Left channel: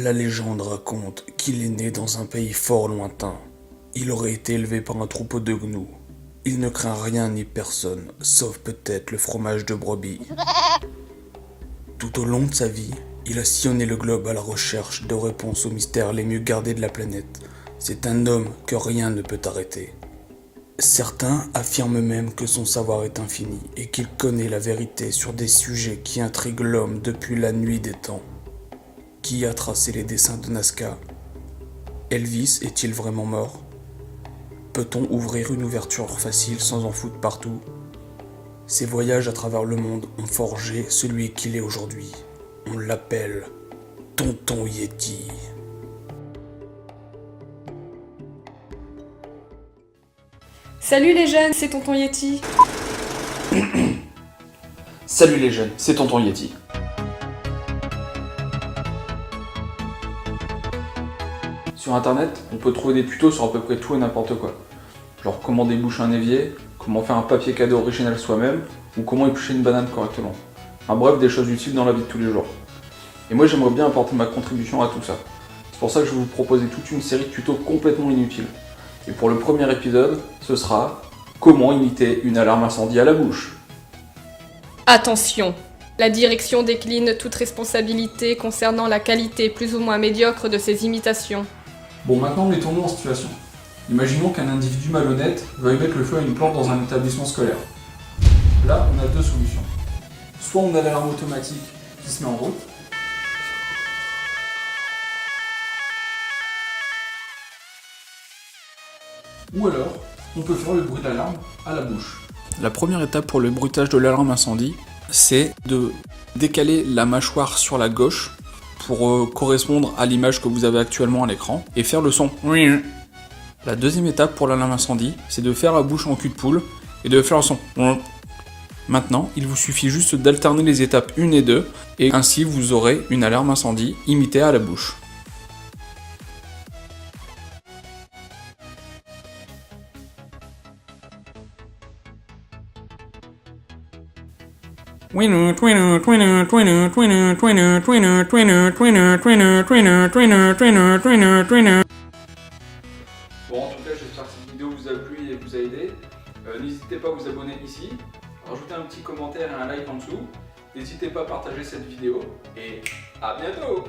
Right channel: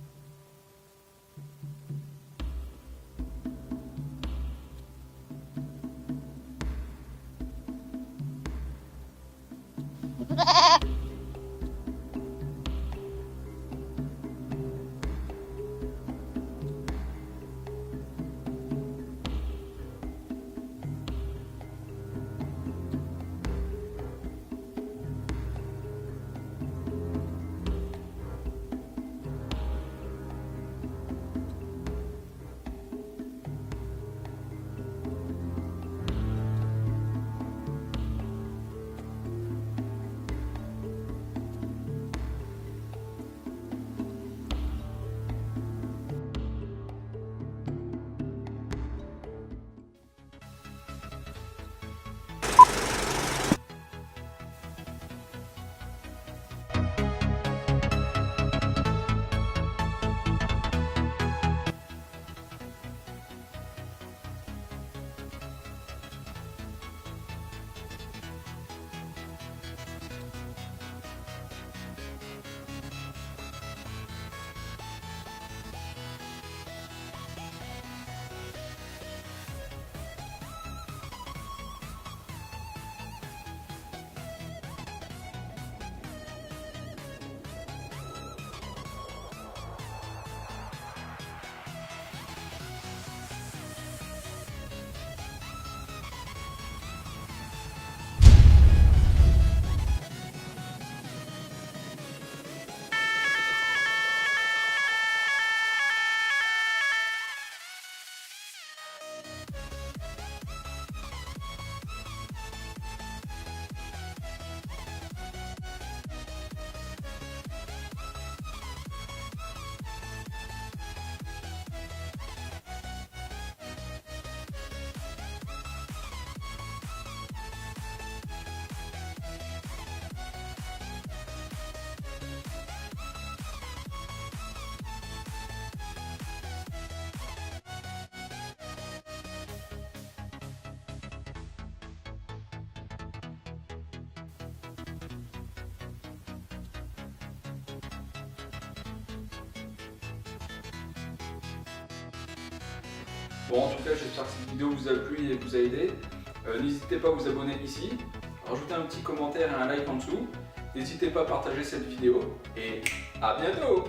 La légende raconte qu'il est né dans un pays fort lointain. Il aurait été élevé par un troupeau de gnous. Il ne craint rien ni personne, sauf peut-être le fromage de brebis. Tout au long de sa vie, il a sillonné le globe à la recherche de réponses aux mystères les mieux gardés de la planète. C'est un homme que rien ne peut arrêter. Certains affirment même que son savoir est infini et qu'il connaît la vérité sur des sujets qui intriguent l'homme depuis la nuit des temps. Qui a tracé les dessins de Nazca? Elvis est-il vraiment mort? Peut-on ouvrir une ouverture facile sans en foutre partout? Ses voyages à travers le monde ont forgé celui qu'il est aujourd'hui. On l'appelle Tonton Yeti. Salut les jeunes, c'est Tonton Yeti. Salut les jeunes, c'est Tonton Yeti. Sur internet, on peut trouver des tutos sur à peu près tout et n'importe quoi. Genre comment déboucher un évier, comment faire un papier cadeau original soi-même, ou comment éplucher une banane correctement. Enfin bref, des choses utiles dans la vie de tous les jours. Et moi j'aimerais bien apporter ma contribution à tout ça. C'est pour ça que je vais vous proposer toute une série de tutos complètement inutiles. Et pour le premier épisode, ce sera comment imiter une alarme incendie à la bouche. Attention, la direction décline toute responsabilité concernant la qualité plus ou moins médiocre de ces imitations. Bon, maintenant mettons-nous en situation. Imaginons qu'un individu malhonnête veuille mettre le feu à une porte dans un établissement scolaire. Là, on a deux solutions. Soit on a l'alarme automatique qui se met en route, ou alors on peut faire le bruit d'alarme à la bouche. La première étape pour le bruitage de l'alarme incendie, c'est de décaler la mâchoire sur la gauche pour correspondre à l'image que vous avez actuellement à l'écran et faire le son. La deuxième étape pour l'alarme incendie, c'est de faire la bouche en cul de poule et de faire le son. Maintenant, il vous suffit juste d'alterner les étapes 1 et 2 et ainsi vous aurez une alarme incendie imitée à la bouche. Bon, en tout cas, j'espère que cette vidéo vous a plu et vous a aidé. N'hésitez pas à vous abonner ici, rajouter un petit commentaire et un like en dessous. N'hésitez pas à partager cette vidéo et à bientôt!